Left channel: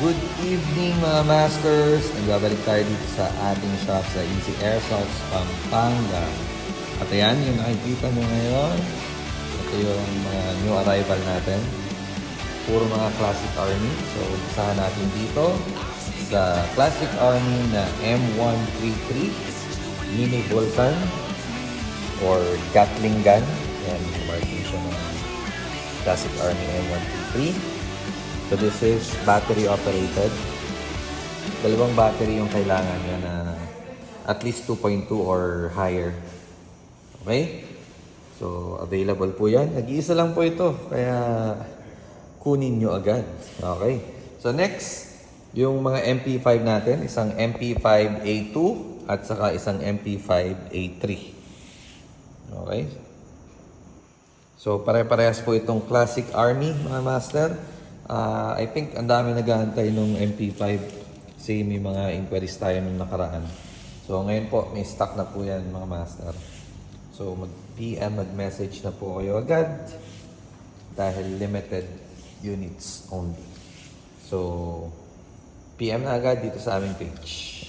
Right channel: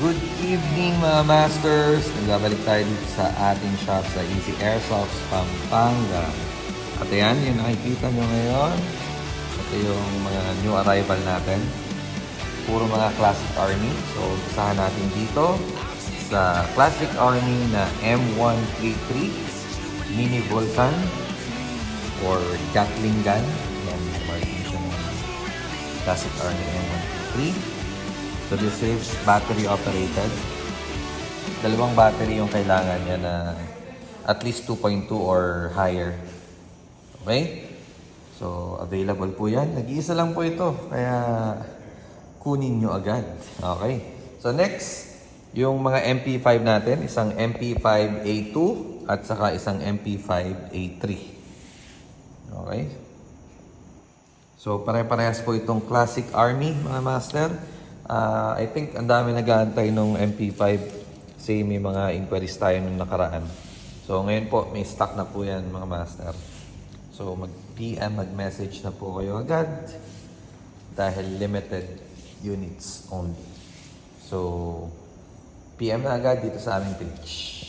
Good evening mga masters! Nagbabalik tayo dito sa ating shop sa Easy Airsoft, Pampanga. At ayan, yung nakikita nyo ngayon, ito yung mga new arrival natin. Puro mga Classic Army. So, usahan natin dito sa Classic Army na M133 Mini Vulcan or Gatling Gun. Ayan, yung Classic Army M133. So this is battery operated. Dalawang battery yung kailangan niya na at least 2.2 or higher. Okay? So available po yan. Nag-iisa lang po ito. Kaya kunin nyo agad. Okay? So next, yung mga MP5 natin. Isang MP5A2 at saka isang MP5A3. Okay? So pare-parehas po itong Classic Army mga master. I think ang dami nag-aantay nung MP5 kasi may mga inquiries tayo nung nakaraan. So ngayon po may stock na po yan mga master. So mag-PM, mag-message na po kayo agad dahil limited units only. So PM na agad dito sa aming page.